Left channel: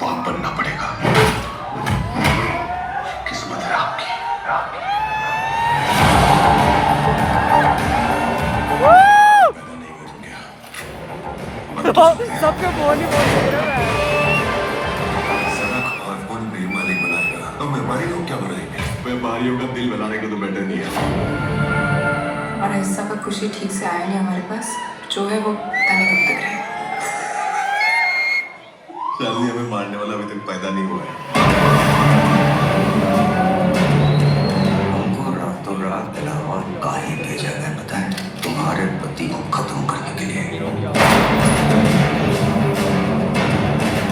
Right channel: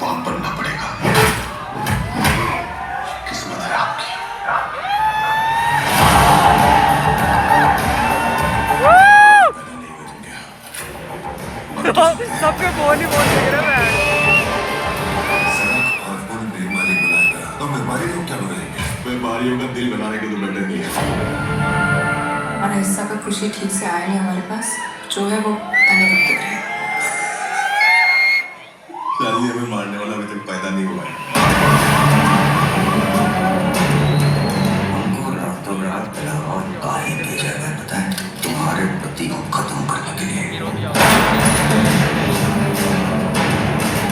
बाप बनना पड़ेगा। किस्मत है आपकी। पैदा नहीं करूंगा। सबके बोल ही बोल रहे हैं। सड़क और पुल बीमारी बनाएगा तो बीमारी को क्या बनाएंगे? बीमारियों का दिल बनाने को तो बेटर नहीं है। और हिस्सा का खुशी ठीक से आया नहीं हमारे पास, जो है वो पता नहीं कब तक रहेगा। शादी हमें मारने वाला अभी तक पैदा नहीं हुआ है। हमको रातों रात इलाहाबाद काहे भेजा गया पता है? तुम्हारे पति को खत्म करने के लिए।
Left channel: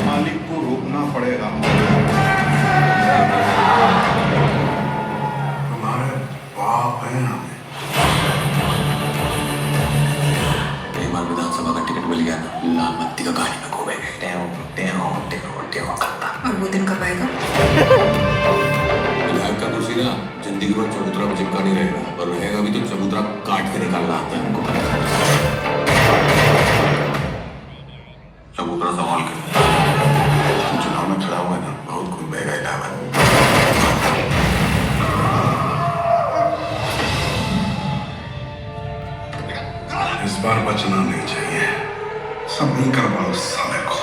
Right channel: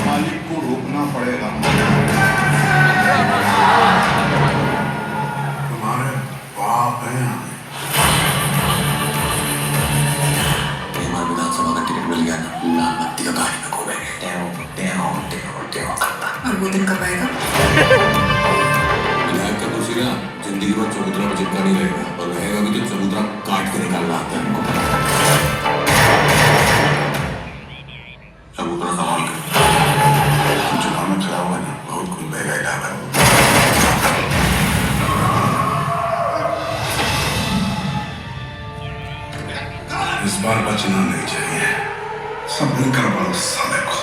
मालिक को रोकना पड़ेगा। तुम्हारे बाप हैं यहाँ। विधानसभा का टिकट मिल गया ना, लाल बत्ती का गाड़ी में घूमेंगे। करता। और वो दिन कब आएगा? विधायक का कुर्सी ना जिंदगी भर चबूतरा में चिपका नहीं रहेगा, और रहेगा भी तो चबूतरा काट के निकालना आता है हमको। चबूतरा संभाल के। तुम चुनाव में खड़ा हुआ ना, बहुत खून बहेगा इलाहाबाद। इस बार बचना नहीं चाहिए। सब मिलकर बोलो साले को।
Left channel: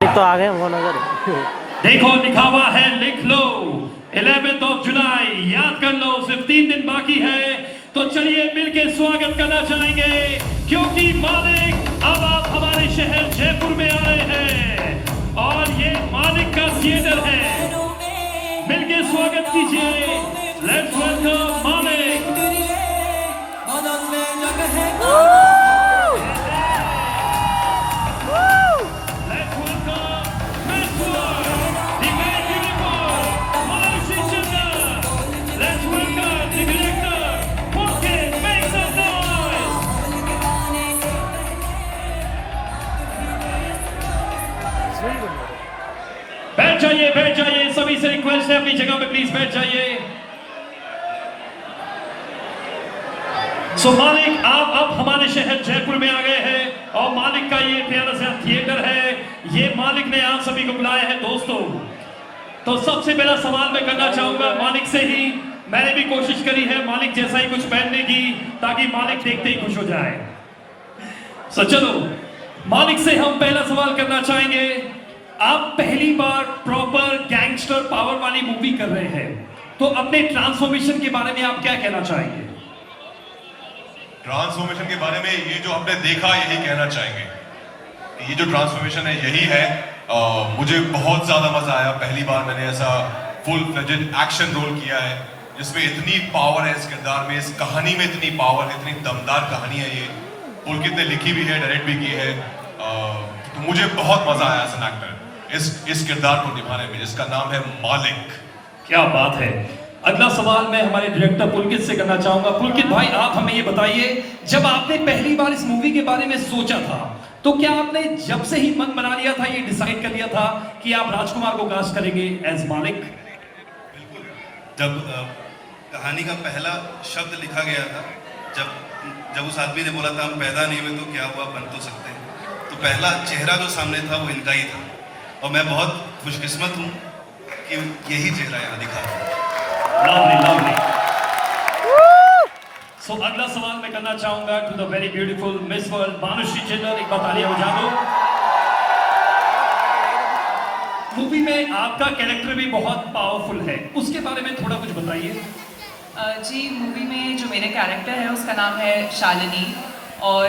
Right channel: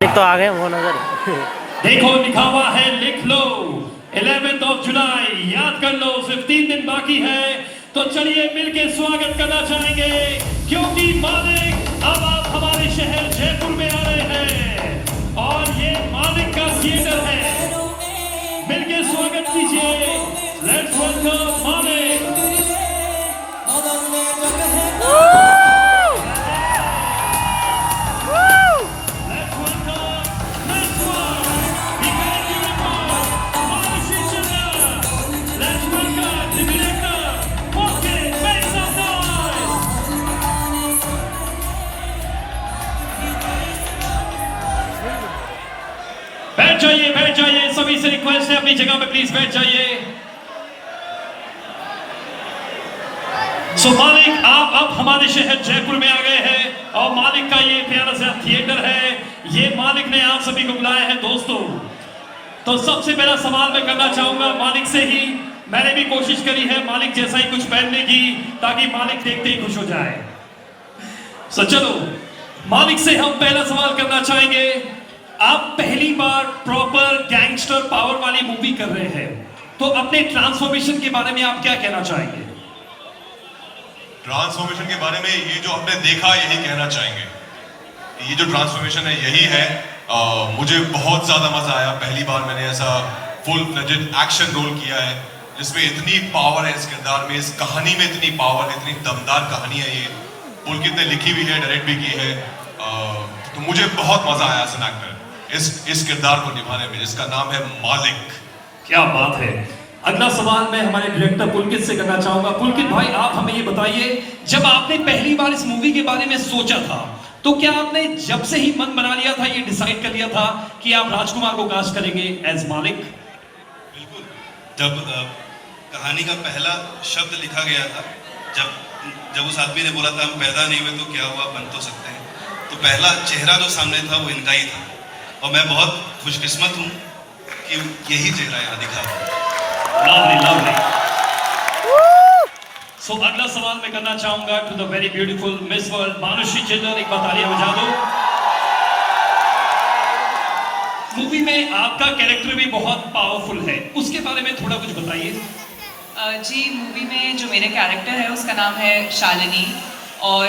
तो आ गए वो नजर। देखो लिखा हुआ है, लिख लो 11 जुलाई, याद कर लो, सिर्फ 3 दिन बाकी है। तो चलिए मिलके स्वागत करना चाहेंगे, क्योंकि मालिक अब आप हमारे शहर जयपुर में आ रहे हैं और ये मालिक का थिएटर है। मिलके स्वागत कीजिए। लेट्स वेलकम मालिक। बैठ जाइए, सभी से रिक्वेस्ट है अपनी जगह पे प्लीज बैठ जाइए। सो मालिक आप अब हमारे शहर जयपुर में आ गए हैं और मालिक का ये प्यारा सा थिएटर है, ये मालिक ने आप सभी को बुलाया है दोस्तों। तो सबसे पहला सवाल मैं करना चाहूंगा मालिक से ही। मैंने भी कोशिश करी है मालिक जैसा ही कुछ पहनने की, ताकि मालिक देखते ही खुश हो जाए। सो चलो मालिक से हम पहला सवाल करना चाहेंगे। आप पहली बार प्रॉपर गैंगस्टर पावर वाली मूवी कर रहे हैं, तो अपने ट्रांसफॉर्मेशन के बारे में आप क्या कहना चाहेंगे? ट्रांसफॉर्मेशन के बारे में ये जो हमने देखा है यही कहना चाहेंगे। ये जो ट्रांसफॉर्मेशन है यही है। मुझे बहुत ज्यादा मजा आया। पहली बार मैंने ऐसा फुल फ्लेजेड एक्शन रोल किया है जिसमें इतनी पावर है इस किरदार में, इस कहानी में इतनी पावर है, इतनी दमदार कहानी है। ये पुलकित ने लिखी भी है, डायरेक्ट भी की है। तो मुझे बहुत मजा आया एज एन एक्टर इस किरदार को निभाने में, जिसका नाम है मालिक। क्या बात है। अगला सवाल मैं हमारे डायरेक्टर पुलकित से करना चाहूंगा। पुलकित भाई आप हमें ये बताइए, जब आपने पहली बार इस मूवी के बारे में सोचा था, तो क्या आपने जब से ही मन बना लिया था, ये डिसाइड कर लिया था कि आप राजकुमार को कास्ट करेंगे एज मालिक? बिल्कुल। जब कहानी का पहला शब्द लिखा गया था, जब उस आदमी ने बोला था हम पैदा नहीं हुए तो क्या हुआ, बन तो सकते हैं, तो पहला चेहरा जो सामने था वो इनका ही था। और मैं बहुत खुशकिस्मत हूँ कि यही चेहरा यहाँ दिखा है। सो अगला सवाल मैं करना चाहूंगा to the very beautiful Miss World Manushi जिन्नर। एक बार तालियां बजा दो। मूवी में आपका कैरेक्टर भी बहुत पावरफुल है, उसके बारे में थोड़ा कुछ बताइए। जी, मूवी में जो मेरे कैरेक्टर है उसका नाम है शालिनी, और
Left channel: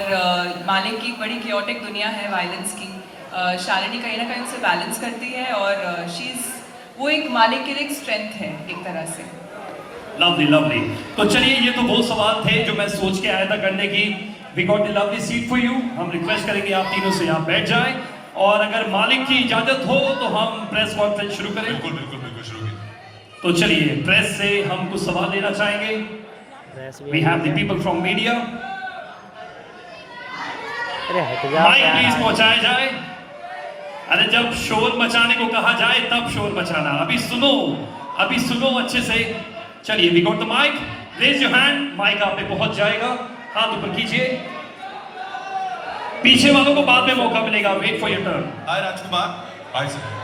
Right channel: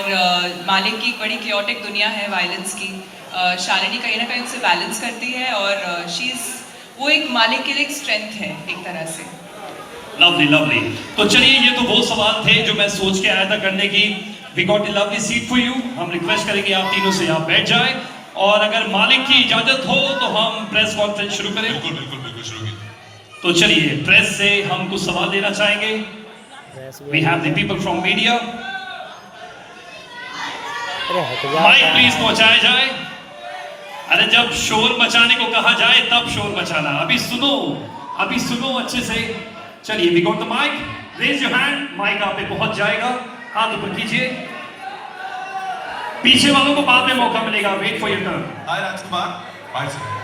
मालिक की एक बड़ी क्योटिक दुनिया है वायलेंस की। शालिनी कहीं ना कहीं उसे बैलेंस करती है, और वो एक मालिक के लिए एक स्ट्रेंथ है एक तरह से। Lovely lovely. तो चलिए ये तो वो सवाल थे जो मैं सोच के आया था करने की। We got a lovely seat for you. हम रिक्वेस्ट करेंगे आप तीनों से यहाँ बैठ जाए और अगर मालिक की इजाजत हो तो हम प्रेस कॉन्फ्रेंस शुरू करें। बिल्कुल बिल्कुल बिल्कुल शुरू कीजिए। तो चलिए, प्रेस से हम कुछ सवाल लेना चाहेंगे। We have the people from media. अरे हट जाओ माइक यार। प्लीज पहुंचाया जाए। अरे जब शोर मचाने को कहा जाए तब शोर मचाना। अभी सुनो अच्छे से। चलिए, we got the mic. Raise your hand, mic आप पे पहुंच जाएगा। हाथ ऊपर कीजिए। पीछे वालों को बाद में मौका मिलेगा। Wait for your turn. Hi Rajkumar. Hi sir.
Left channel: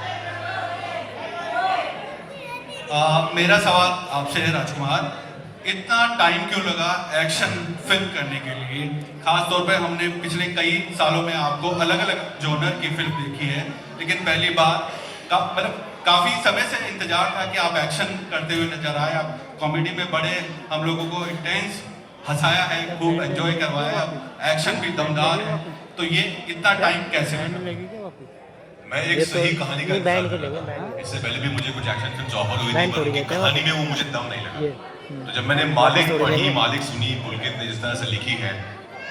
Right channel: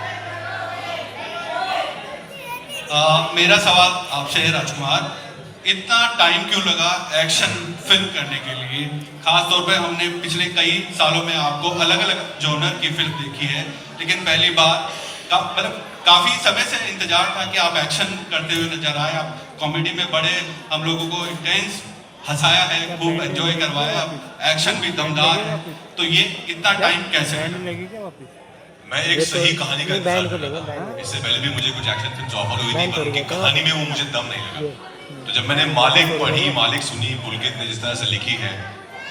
मेरा सवाल आपसे है राजकुमार, इतना टाइम क्यों लगा एक्शन फिल्म करने के लिए? खास तौर पे हमने पिछले कई सालों में आपको अलग अलग जॉनर की फिल्म देखी है, लेकिन पहली बार मतलब काफी समय से इंतजार था कि आप एक्शन करते हुए नजर आए। आप कॉमेडी में बड़े हम लोगों को इंटेंस हंसाया है, खूब एंजॉय करवाया, एक्शन भी दमदार है। तो ये इतना टाइम कैसे लगा? मैं एक सही कहानी का इंतजार कर रहा था। इससे पहले भी मुझे कुछ एक्शन फिल्म्स ऑफर हुई थी, पर उनकी कहानी में वो मुझे दम नहीं लगा। तो जब मैंने मालिक पढ़ी, मालिक सुनी, पुलकित ने जिस तरह से लिखी है,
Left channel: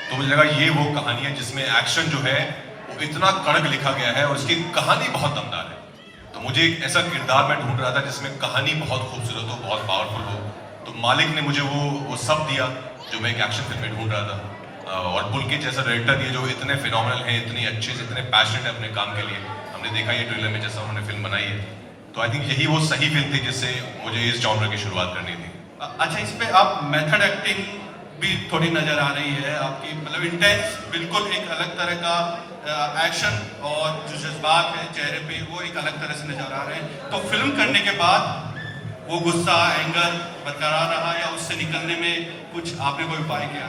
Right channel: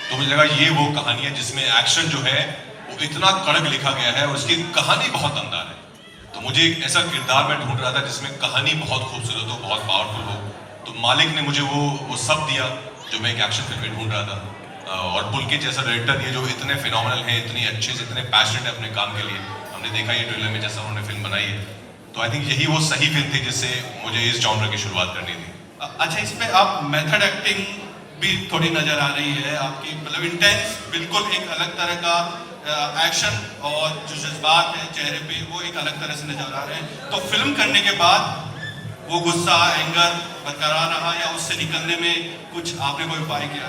तो मुझे लगा ये वो कहानी है जिसमें एक्शन जो है वो इतना कड़क लिखा गया है और उसकी कहानी बहुत दमदार है। तो मुझे एक ऐसा किरदार मैं ढूंढ रहा था जिसमें कहानी बहुत खूबसूरत हो, बहुत पावरफुल हो। तो मालिक ने मुझे वो सब दिया जो मैं एक एक्शन फिल्म में ढूंढ रहा था। और पुलकित जैसा डायरेक्टर ये जो इतने फिनोमिनल हैं, इतने अच्छे से, इतने पैशनेट है अपने काम के लिए, हमने देखा ये ट्रेलर में जैसा उन्होंने फिल्म बनाई है। तो आई थिंक यही वो सही फिल्म थी जिससे मुझे इस जॉनर की शुरुआत करनी थी। अच्छा, इसमें आप मेथड एक्टिंग भी थोड़ी नजर आ रही है आपकी, मतलब इंटेंस, बिल्कुल एक अलग तरह का एक्शन, और जो जज्बात है चेहरे पे वो एक अलग तरह से नजर आ रहे हैं। तो फिल्म करने के बाद वो गुस्सा, एंगर बरकरार रहा या उससे निकलने में कुछ आपने कोई उपाय किया?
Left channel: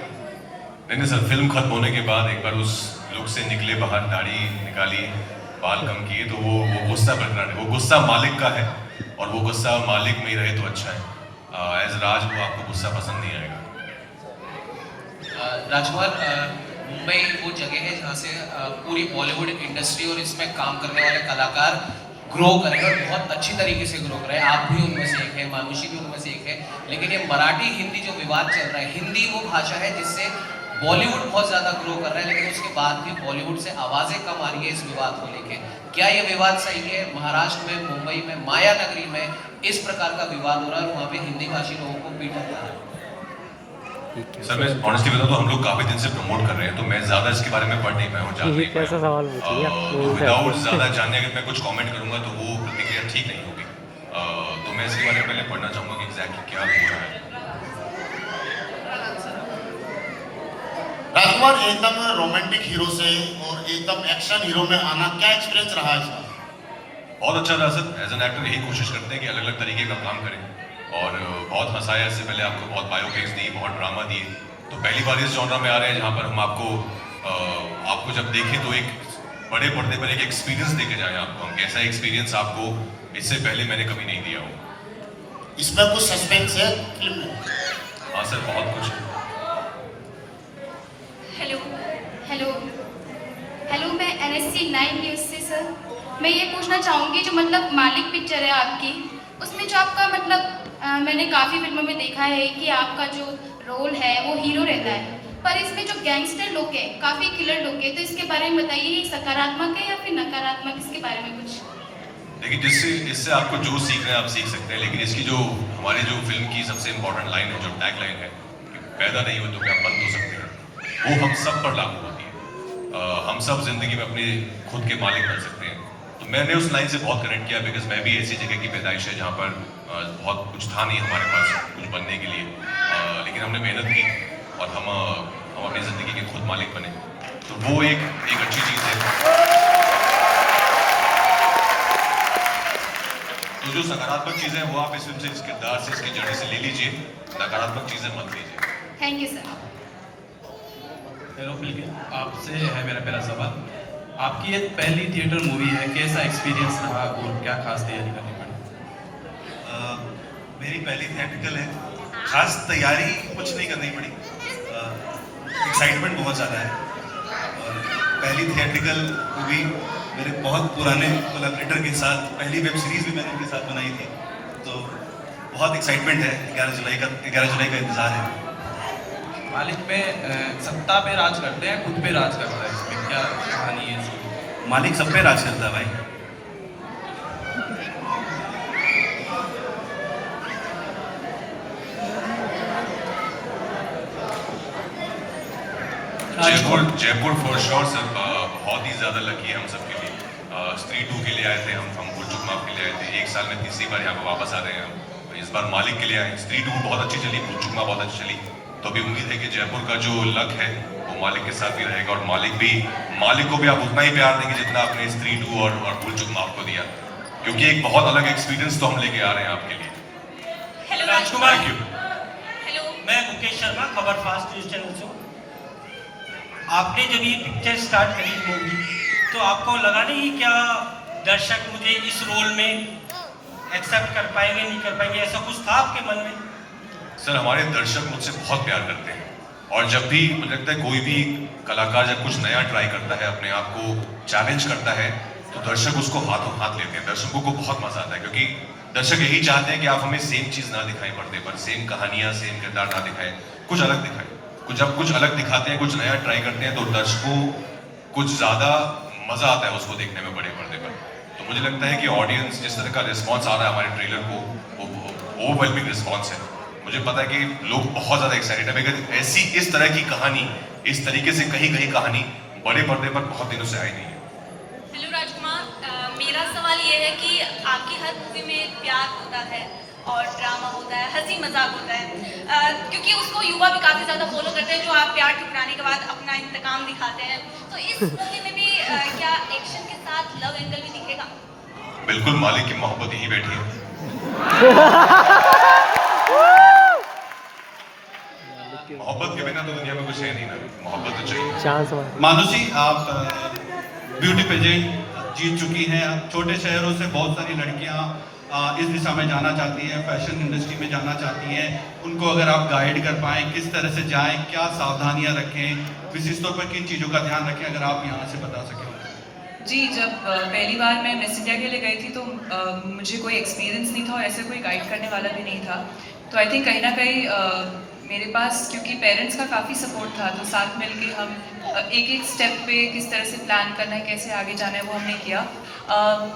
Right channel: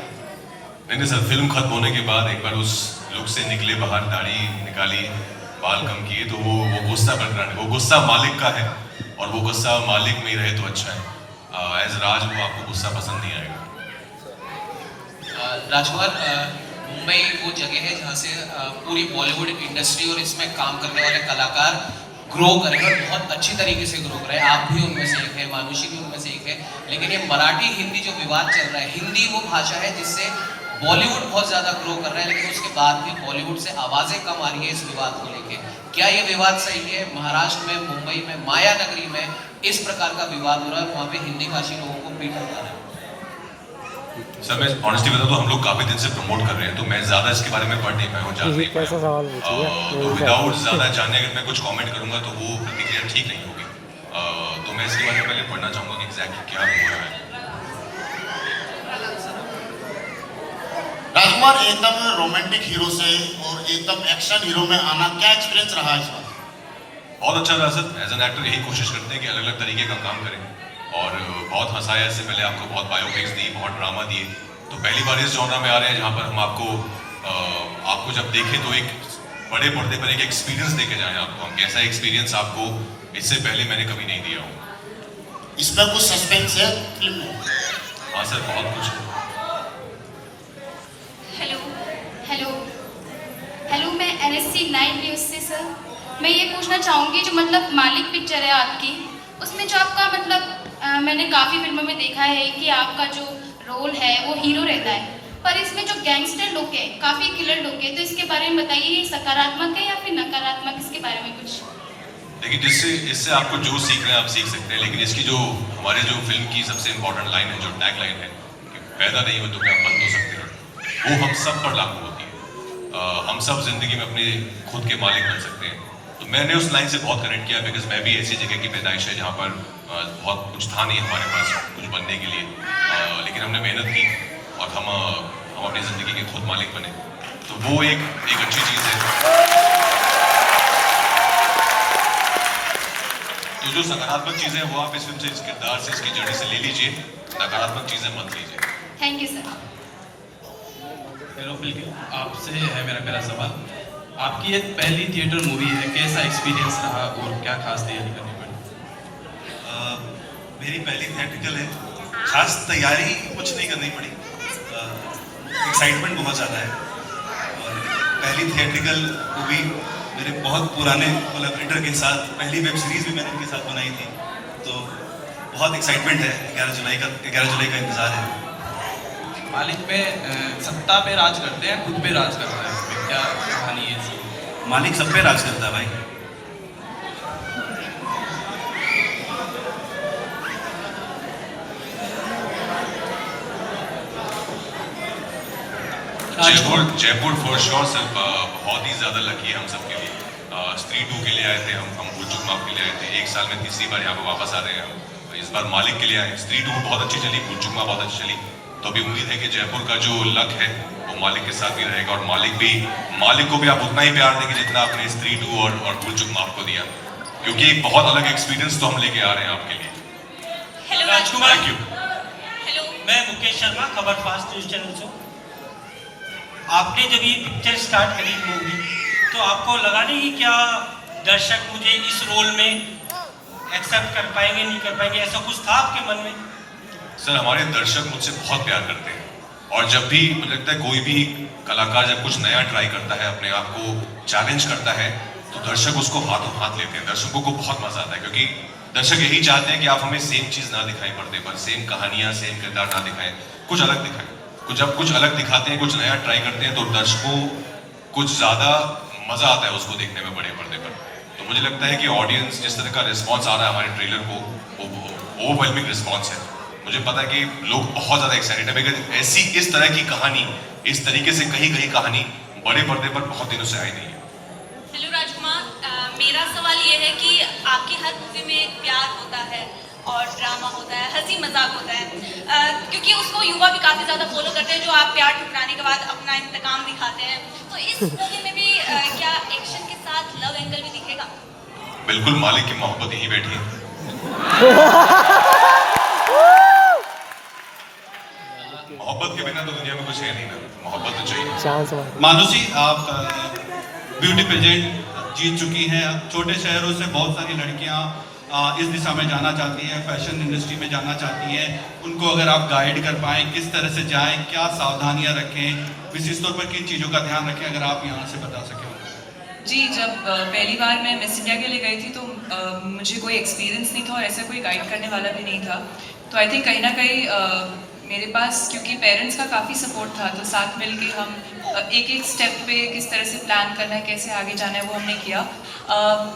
नहीं सर, फिल्म खत्म होने के बाद एक बार उस लुक से निकले बाहर, दाढ़ी निकाली, बाल कम किए, तो वो गुस्सा बरकरार है। वो गुस्सा मालिक का है और वो गुस्सा मालिक में ही रहे तो अच्छा है। एज राज वो आपको गुस्सा पसंद नहीं आएगा। राजकुमार, मुंबई वो जगह है जहाँ से पूरी बॉलीवुड इंडस्ट्री और इसमें काम करने वाले कलाकार ग्रो कर रहे हैं और बहुत अच्छी तरीके से ग्रो कर रहे हैं। आप भी उनमें से एक है, मानुषी भी उनमें से एक है। लेकिन ये मराठी हिंदी जो विवाद चल रहा है, हिंदी वो भाषा है जिससे बॉलीवुड बहुत ज़्यादा ग्रो कर रहा है, लेकिन उसके बाद भी बॉलीवुड से आवाज़ें कम आ रही है इस विवाद को लेके। क्या ये विवाद सही है? महाराष्ट्र में, मुंबई में, माया नगरी में इस प्रकार का विवाद हो रहा है, वहाँ पे हिंदी भाषी लोगों को पीटा जा रहा है। सर मैं ऑनेस्टली बताऊं तो हम लोग काफी दिन से प्रमोट कर रहे हैं, तो मैं ज्यादा इसके बारे में पढ़ नहीं पाया हूं। ये कैसा सवाल पूछ लिया? तो विदाउट ज्यादा जानने अगर मैं कुछ कमेंट करूंगा तो वो प्रतिक्रिया ठीक नहीं होगी। तो मैं इसके बारे में पहले पढ़ना चाहूंगा कि एग्जैक्टली क्या हो रहा है। राजकुमार, एकदम रोमांटिक हीरो से और एकदम एक्शन हीरो में आना, क्या एक्सपीरियंस रहा इसका? बहुत अच्छा रहा सर। एज एन एक्टर यही कोशिश करते हैं कि अलग अलग तरीके का काम करें, और बहुत हंसाया। इससे पहले आपको बहुत बायोपिक्स दी, बहुत ड्रामा दी, तो पहली बार इस जॉनर में आ रहे हैं जहाँ पर हम आपको जब देखें तो एक बड़े पर्दे पर एक एक्सपीरियंस देके जाएं आपको हम। ऐसा एक्सपीरियंस आपको इससे पहले मैंने कभी नहीं दिया हो। इसमें कुछ सस्पेंस है फिल्म में? हाँ सर, बहुत कुछ है। हेलो, मैं NSC 9 न्यूज़ से सर, मैं ये पूछना चाहूँगी जो मतलब मालिक पिक्चर है आपकी, उसमें जो आपका मतलब मैंने काफ़ी फिल्मों में देखा है कि आपका जो रोल है वो हीरो रहता है, पर इसमें जो गैंगस्टर लुक है, काफ़ी किलर लुक है, तो इसके बारे में बताइए, ये सकारात्मक है या फिर नकारात्मक, इसके बारे में कुछ? देखिए, इससे आपको जो सीखना है आप सीख सकते हैं, लेकिन इसकी जो हमारी जो फिल्म की सबसे इम्पोर्टेंट लाइन है, जो टैग लाइन है, पैदा नहीं हो तो क्या बंद हो सकते हैं, वो हम सब पर लागू होती है। हम सब जिंदगी में अपनी खुद के मालिक बन सकते हैं। तो मैंने उस लाइन से बहुत कनेक्ट किया, बिकॉज मैं भी ऐसी जगह की पैदाइश है जहाँ पर बहुत कुछ था नहीं हमारे पास कुछ बनने के लिए, लेकिन हमने मेहनत की और हम अपनी ज़िंदगी के खुद मालिक बने। तो वो एक अच्छी चीज़ है। तो जो सकारात्मक चीज़ें हैं वो आप इस फिल्म से, इस किरदार से, इसकी जर्नी से ले लीजिए, नकारात्मक चीज़ें मत लीजिए। Thank you sir. हेलो बिल्कुल, आपसे है मेरा पहला सवाल। आपकी ये पहली थिएटर मूवी है, कैसा एक्सपीरियंस रहा और क्या खास तैयारी करनी पड़ी? मेरी पहली थिएट्रिकल है, खास तैयारी कुछ नहीं करनी पड़ी, एक्साइटमेंट बहुत ज़्यादा है। और पहली थिएट्रिकल मूवी मेरे बहुत पुराने कोलैबोरेटर के साथ, पहली वेब सीरीज़ भी मैंने उनके साथ बनाई थी, तो बहुत एक्साइटमेंट है। 11 जुलाई का इंतज़ार है। मालिक पे सत्ता पे राज करते हैं, खुद पे राज करता है, इसमें क्या कहानी है इसकी? मालिक सब पे राज करता है भाई। जयपुर फॉर श्योर सर बहुत ही ज़्यादा लकी है हम सब के लिए। स्त्री 2 के लिए आए थे हम भूल चूक माफ के लिए आए थे। 1 साल में तीसरी बार यहाँ पर वापस आ रहे हैं। तो इस बार मालिक के लिए आए। स्त्री 2 बहुत अच्छी चली, भूल चूक माफ बहुत अच्छी चली। तो अभी उम्मीद है कि जयपुर का जो लक है वो मालिक के साथ ही रहेगा और मालिक को भी आप उतना ही प्यार देंगे जितना आपने स्त्री 2 और भूल चूक माफ को दिया, क्योंकि एक बहुत अलग एक्सपीरियंस तो हम लेके आ रहे हैं आपके लिए। राजकुमार, थैंक यू। मैं मुकेश शर्मा, खबर फास्ट न्यूज चैनल से। आपने जब ये पिक्चर स्टार्ट करी मूवी, तो आपको लगा नहीं क्या दर्शक मुझे इस रोल में एक्सेप्ट कर पाएंगे, नहीं कर पाएंगे, ऐसा कुछ था आपके मन में? सर, हमारे दर्शक मुझसे बहुत प्यार करते हैं और जब भी मुझे लगता है कोई भी कलाकार जब कुछ नया ट्राई करता है, अपने आप को चैलेंज करता है, तो दर्शक उसको हाथों हाथ लेते हैं। दर्शकों को बहुत मजा आता है क्योंकि दर्शक यही चाहते हैं कि आप हमें सेम चीज़ ना दिखाई पर्दे पर, सेम कहानियाँ, सेम किरदार ना दिखाएं, कुछ अलग दिखाएं। जब कुछ अलग दिखाते हैं, कुछ नया ट्राई करते हैं, तो दर्शकों कुछ ज़्यादा मज़ा आता है उसको देखने में बड़े पर्दे पर। तो मुझे लगता है कि ऑडियंस जिस तरह का रिस्पॉन्स आ रहा है हमारे ट्रेलर को, वो ओवरवेलमिंग रिस्पॉन्स है। मुझे पता है कि लोग बहुत ज़्यादा एक्साइटेड है अगर ऐसी इस तरह की कहानी, इस तरीके से कहीं कहानी बड़े पर्दे पर बहुत दिनों से आई नहीं है। हेलो राजकुमार, मेरा सवाल ये है कि आपकी हर मूवी में प्यार होता है और ड्रामा होता है, हंसी मजाक होता है, क्योंकि उसको युवा भी काफ़ी ज़्यादा फॉलो करते हैं, जो आप प्यार ठुकराने के बाद अपना इंतकाम दिखाते हैं। तो इस मूवी में भी क्या एक्शन के साथ लव एंगल भी दिखेगा? बिल्कुल, मालिक की मोहब्बत यही बैठी है। मोहब्बत के बिना तो दुनिया में कुछ है नहीं ना, मोहब्बत तो चाहिए। चांस मानुषी, आप ब्यूटी पेजेंट जीत चुकी हैं। छोटे शहरों से बहुत सारी लड़कियां इस दिशा में जाना चाहती हैं, फैशन इंडस्ट्री में जाना चाहती हैं। उनको अगर आप गाइड कर पाएँ, किस तरह से जाएं, क्या सावधानियां रखें, विशेष तौर पर किन चीज़ों का ध्यान रखें, अगर आप यहाँ से बता सकें। जी, जब पहली बार मैं मिस इंडिया के लिए गई थी तो मुझे कोई एक्सपीरियंस नहीं था और ऐसा कोई गाइड करने वाला भी नहीं था। तो आई थिंक कहीं ना कहीं मेरे पास, क्योंकि पेरेंट्स का काफ़ी सपोर्ट था, तो साथ मिल के हम एक स्टेप पे किस तरह से प्लान करना है, कैसे आगे जाना है, वो हमने किया।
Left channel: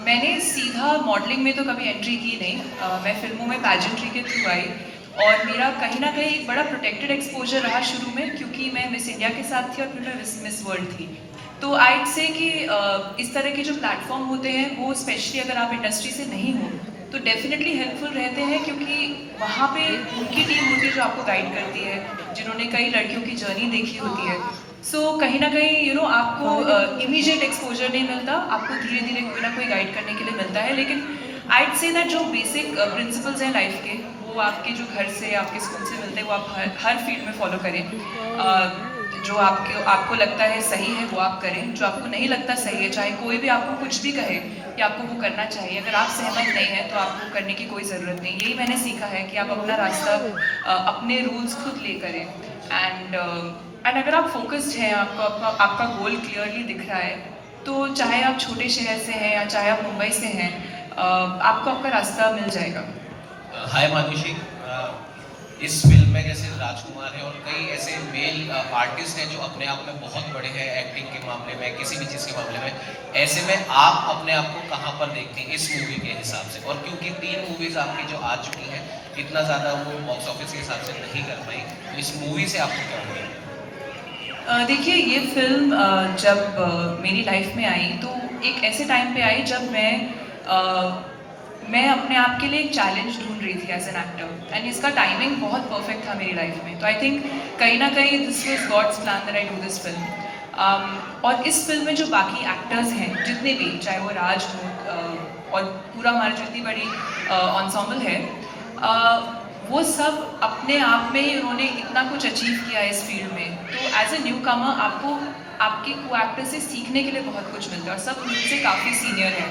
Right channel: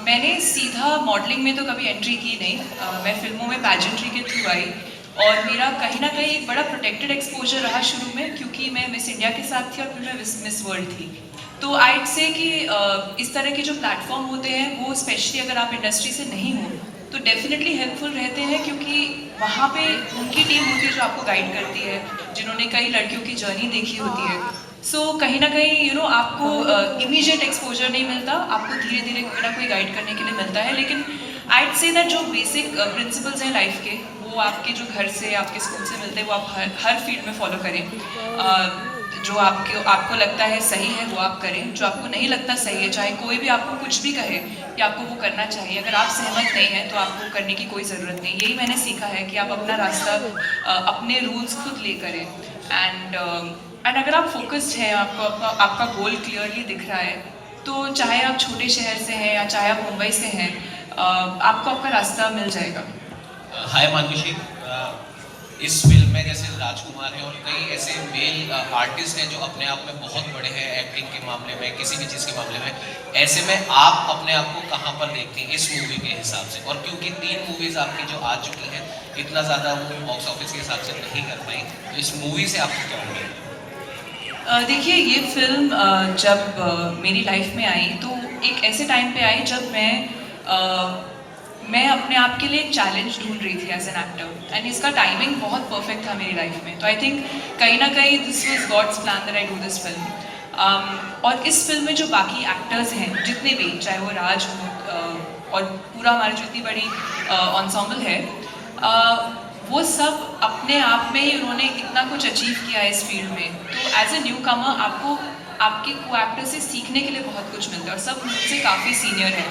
मैंने सीधा मॉडलिंग में तो कभी एंट्री की नहीं। मैं फिल्मों में पैजेंट्री के थ्रू आई और मेरा कहीं ना कहीं एक बड़ा प्रोटेक्टेड एक्सपोजर रहा शुरू में, क्योंकि मैं मिस इंडिया के साथ थी और फिर मैं मिस वर्ल्ड थी। तो आई से कि इस तरह के जो प्लेटफॉर्म होते हैं वो स्पेशली अगर आप इंडस्ट्री से नहीं हो तो डेफिनेटली हेल्पफुल रहते हैं, क्योंकि वहाँ पे उनकी टीम होती है जो आपको गाइड करती है, जिन्होंने कई लड़कियों की जर्नी देखी होती है। सो कहीं ना कहीं आपको इमीडिएट एक्सपोजर नहीं मिलता, आपको धीरे धीरे कोई ना कोई गाइड करने के लिए मिलता है। लेकिन आई से दैट जो बेसिक प्रिंसिपल्स हैं लाइफ के, वो आपके जो घर से, आपके स्कूल से मिलते हैं, वो आप हर फील्ड में फॉलो करें। जो आपको लगता है सही है वो आप करें, जो आपको नहीं लगता सही है, चाहे कोई भी आपको कुछ भी कहे कि आपको वो करना चाहिए, अगर आप सहमत नहीं हैं तो आपको करने की कोई ज़रूरत नहीं। यही मैंने सीखा है कि आप अपना रास्ता, अपने रूल्स खुद ले करें। एंड अगर आप फोकस्ड हैं, आपको आपका गोल क्लियरली दिख रहा है, तो चाहे आप छोटे शहर से हैं या चाहे आप मुंबई से हैं, आपको आपका रास्ता मिल जाएगा। हाय मानुषी, इस फिल्म में जैसे राजकुमार है और कई ऐसे मेल आर्टिस्ट हैं जो अपने आप में बहुत बड़े हैं एक्टिंग के मामले में, किसी भी चीज़ के मामले में। ऐसे में आप अपने आप को कहाँ पर देखते हैं इस मूवी के हिसाब से? और क्योंकि 3 मूवीज़ आपकी जो आ चुकी हैं, इतना ज़्यादा वो बॉक्स ऑफिस के हिसाब से नहीं कर पाई, तो इस मूवी से आपको क्या मिलेगा? देखिए, ये फिल्म जब मेरी लाइफ में आई तो एक ऐसे टाइम पे आई जब मैं अपने आप के लिए एक चैलेंज ढूंढ रही थी एज एन एक्टर, एंड इसका टाइमिंग बहुत परफेक्ट था मेरी लाइफ में। तो आई थिंक कहीं ना कहीं this was God's plan that I do this film. और इस फिल्म में जो बाकी एक्टर्स हैं, जितने भी, चाहे वो राज हो और पूरा हमारी जितनी बड़ी एंसेम्बल है, वो सब अपने आप में ही उन्होंने इतना कुछ अचीव किया है इस फील्ड में। तो एज ए न्यू कमर आपको आपके को एक्टर से सीखने के लिए बहुत कुछ मिलता है और सब मुझसे काफ़ी सीनियर है।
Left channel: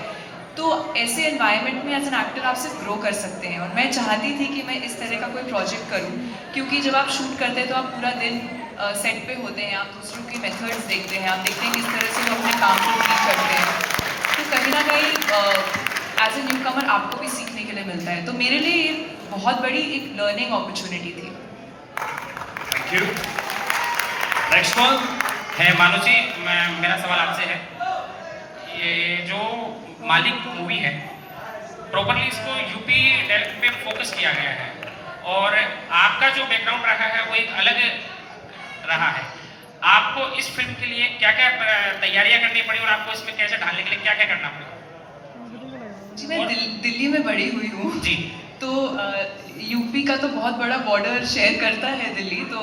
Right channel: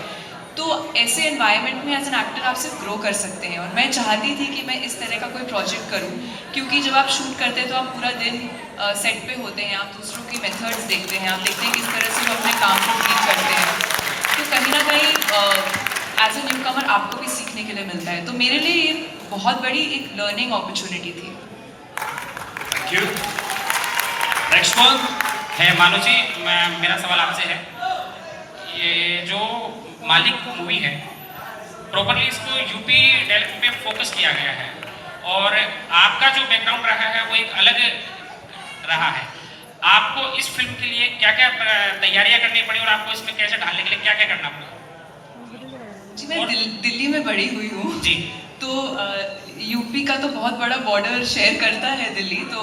तो ऐसे एनवायरनमेंट में एज एन एक्टर आप सिर्फ ग्रो कर सकते हैं, और मैं चाहती थी कि मैं इस तरह का कोई प्रोजेक्ट करूं, क्योंकि जब आप शूट करते हैं तो आप पूरा दिन सेट पे होते हैं, आप दूसरों के मेथड्स देखते हैं, आप देखते हैं किस तरह से वो अपने काम को ट्रीट करते हैं। तो कहीं ना कहीं एज ए न्यू कमर आपको भी सीखने के लिए मिलता है। तो मेरे लिए ये बहुत बड़ी एक लर्निंग अपॉर्चुनिटी थी। Thank you. नेक्स्ट वन है मानुषी, मेरा सवाल आपसे है, ये जो मालिक मूवी है प्रॉपरली इसको यूपी डेल्टा पे फोकस किया गया है और आपका जो बैकग्राउंड रहा है वो एक अलग रहा है। आपको इस फिल्म के लिए क्या क्या तैयारियां करनी पड़ी और आपको इसमें कैसे ढालने के लिए क्या क्या करना पड़ा? जी मैं दिल्ली में बड़ी हुई हूँ जी। तो यूपी का तो बहुत बड़ा बॉर्डर शेयर करता है दिल्ली, तो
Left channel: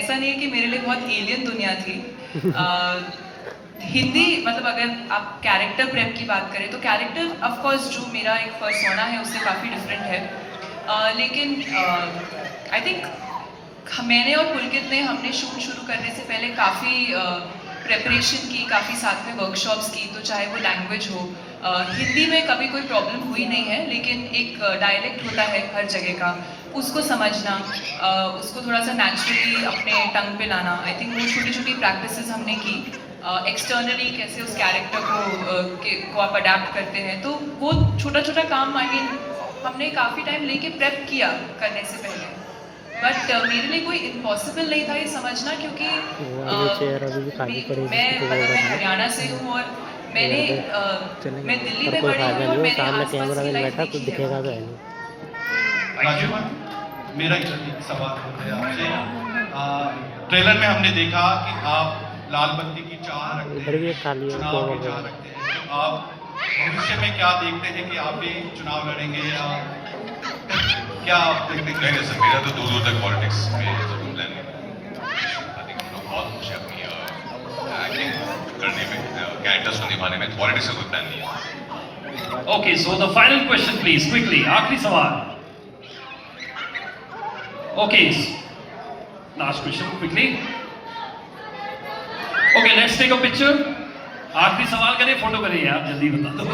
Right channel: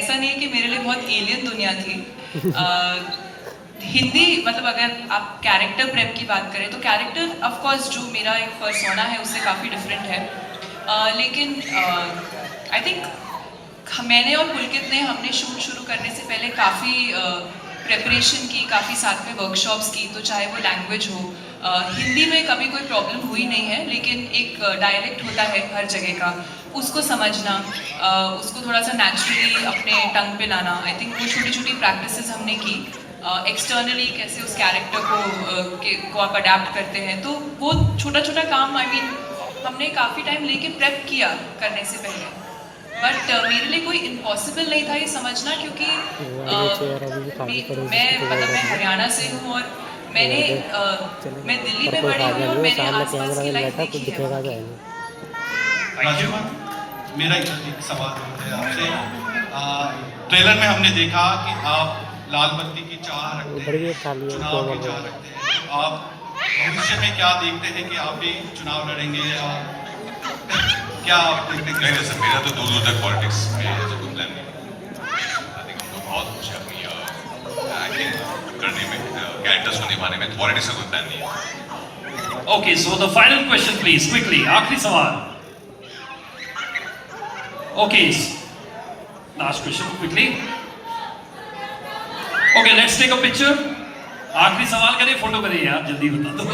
ऐसा नहीं कि मेरे लिए बहुत एलियन दुनिया थी। हिंदी मतलब अगर आप कैरेक्टर प्रेप की बात करें तो कैरेक्टर ऑफ कोर्स जो मेरा एक पर्सोना है उससे काफ़ी डिफरेंट है, लेकिन आई थिंक मैंने और पुलकित ने हमने शूट शुरू करने से पहले काफ़ी प्रेपरेशन की, काफ़ी साथ में वर्कशॉप्स की, तो चाहे वो लैंग्वेज हो, हिंदी में कभी कोई प्रॉब्लम हुई नहीं है, लेकिन एक डायलेक्ट होता है हर जगह का, उसको समझना, उसको थोड़ा सा नेचुरली अपने टंग पे लाना, आई थिंक वो छोटी छोटी प्रैक्टिसेस हमने की। एक्सटर्नली कैसे उस कैरेक्टर को आप अडेप्ट करते हैं, तो वो छोटा छोटा काम आई मीन हमने काफ़ी टाइम लेके प्रेप किया करने से पहले, बट मेरे लिए कोई इम्पॉसिबल नहीं था ये समझना, क्योंकि मैं हरियाणा से हूँ और मैंने मैं दिल्ली में फायदा नहीं हो, सामने कैमरा में बैठा कुछ दिखेगा तो है नहीं। राजू मेरा एक सवाल है आपसे। ट्रेलर में हमने देखा कि आप लाल बत्ती की चाह रखते इधर भी एक खाली है, चुनाव की चाह रखते हैं, तो आप भविष्य में क्या देखते हैं कि आप भी चुनाव लड़ेंगे या क्या आप नहीं सर, मेरा तो दूर दूर तक पॉलिटिक्स में कोई प्लान नहीं। हम लोग बहुत कुछ है एक्टिंग करने में, कैरेक्टर्स को निभाने में, पॉलिटिक्स का कोई प्लान नहीं है। Okay, so the final question please quickly, आखिरी सवाल। Okay, last question quickly. Okay, let's take a picture. आखिरी सवाल करिए, फोटो करिए यार, जल्दी बता दो।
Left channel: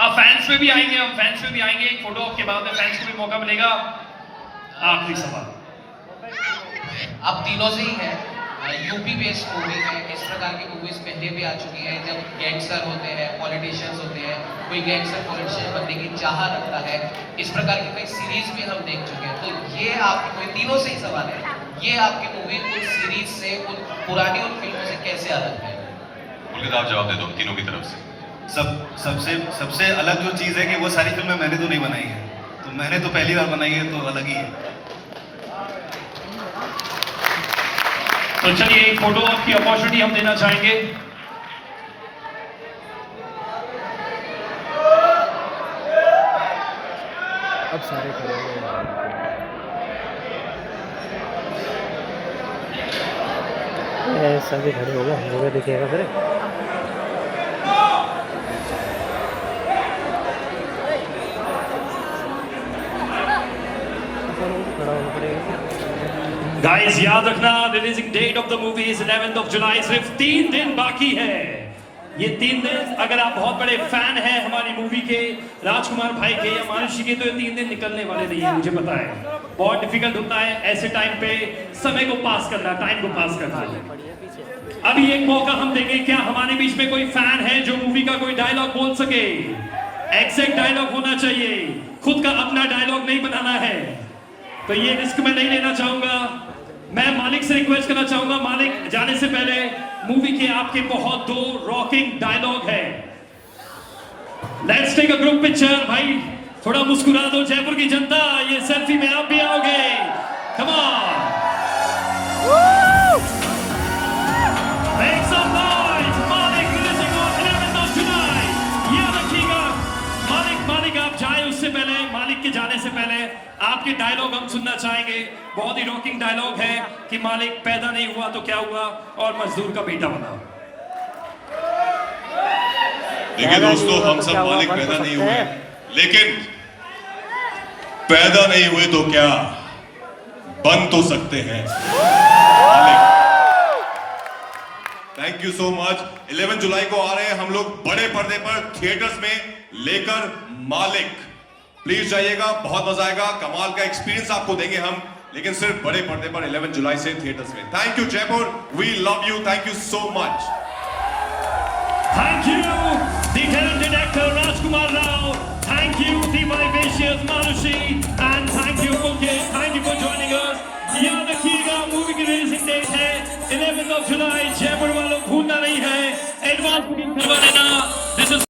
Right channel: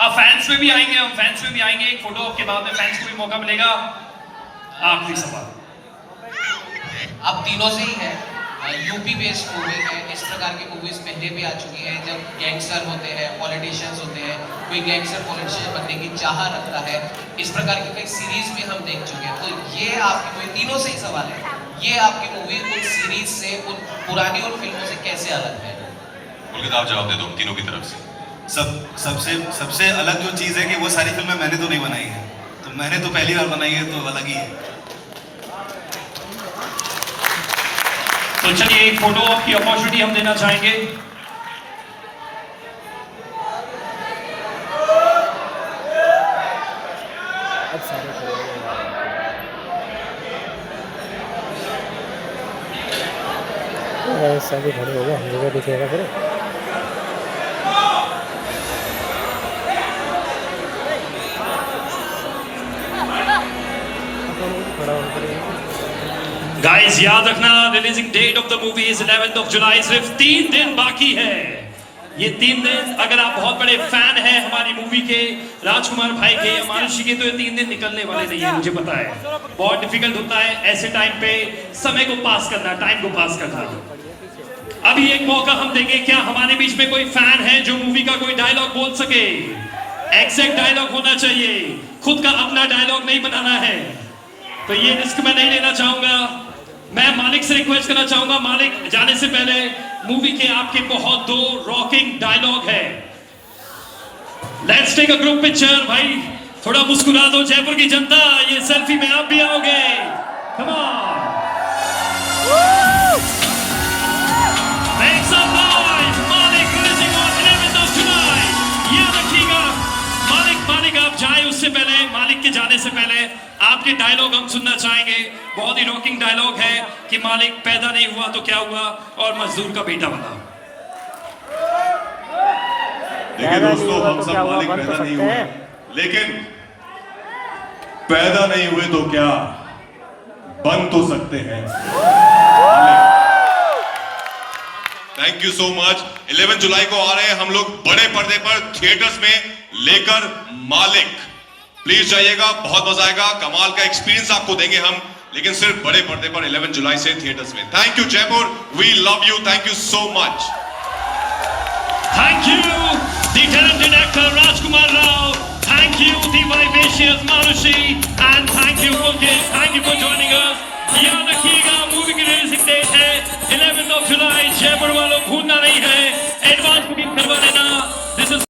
आप फैंस में भी आएंगे, हम फैंस में भी आएंगे, एक फोटो के बाद में फैंस को भी मौका मिलेगा। आखिरी सवाल। आप तीनों से ही है, यूपी बेस्ड मूवी है, इस प्रकार की मूवीज पहले भी आ चुकी है, जब गैंगस्टर होते हैं, पॉलिटिशियंस होते हैं, कोई गैंगस्टर पॉलिटिशियन बनने की चाह रखता है, इस प्रकार की कई सीरीज भी हम देख चुके हैं। तो ये आपकी मूवी, तीनों से ही सवाल है, ये आपकी मूवी उन सीरीज से, उन पुरानी उन फिल्मों से कैसे अलग है? बोलिए, आप जवाब दे दो तीनों की तरफ से। सबसे अलग जो चीज़ है कि वो सारी फिल्में मैंने तो नहीं बनाई है, तो मैंने तो पहली बार बनाई है, तो अलग ही है। तो चलिए एक फोटो की अपॉर्चुनिटी हम देना चाहेंगे। अब सारे सभी खड़े हो गए, मुझे दिखेगा फिर। खड़ा होना पड़ेगा। गाइस याद रखना, releasing date of the movie is 11th of July, सिर्फ 3 दिन बाकी है। ये 3 दिन, अगर आप बहुत बड़े फैन हैं हमारी मूवी के, राजकुमार भाई के, मानुषी के, तो ये 3 दिन निकलने वाले नहीं है, मुझे पता है। बहुत डिफिकल्ट होता है ऐसे टाइम पे समय को पास करना, टाइम को पास करना। अभी एक मौका हम देंगे, क्या हमारे बीच में कोई फैन है जो मूवी का कोई डायलॉग बोल सके? एग्जैक्ट डायलॉग होना चाहिए, खुद का अपना डायलॉग नहीं बनाना है। तो ये रिस्क मैं नहीं लेना चाहूंगा। मैं मालिक से रिक्वेस्ट करना चाहूंगा, मालिक जाने से पहले मूवी के आपके बहुत दो रॉकिंग डायलॉग है। Let's take a group picture. भाई थोड़ा मुस्कुरा दो जयपुर की जनता, ये सेल्फी में आप भी आओगे। Come on, make some noise. Malik releasing on 11th of July। याद रखिएगा, मालिक आप जाए उससे पहले, मालिक के जाने से पहले आपके डायलॉग हम सुनना चाहेंगे। बहुत ही रॉकिंग डायलॉग है कि मालिक पैदा नहीं हुआ तो क्या हुआ और मजदूर का बेटा बना। देखिए दोस्तों, हम सब मालिक पैदा नहीं हुए, लेकिन पैदा नहीं हुए तो क्या, बन तो सकते हैं। Thank you so much. 11 जुलाई को आ रहे हैं हम लोग बड़े पर्दे पर थिएटर्स में लेकर मालिक। प्लीज जाइएगा, बहुत मजा आएगा, कमाल का एक्सपीरियंस आपको देंगे हम, लेकिन सिर्फ बड़े पर्दे पर 11 जुलाई से थिएटर्स में। Thank you Jaipur, we love you, thank you so much. Thank you, the talented actor Rajkumar Rao. Thank you, the vivacious Manushi, and thank you, Pulkit. Thank you for joining us. याद रखिएगा movie की releasing date है 11 जुलाई। जयपुर वालों भूलना नहीं है, advance booking करवा लेना। This is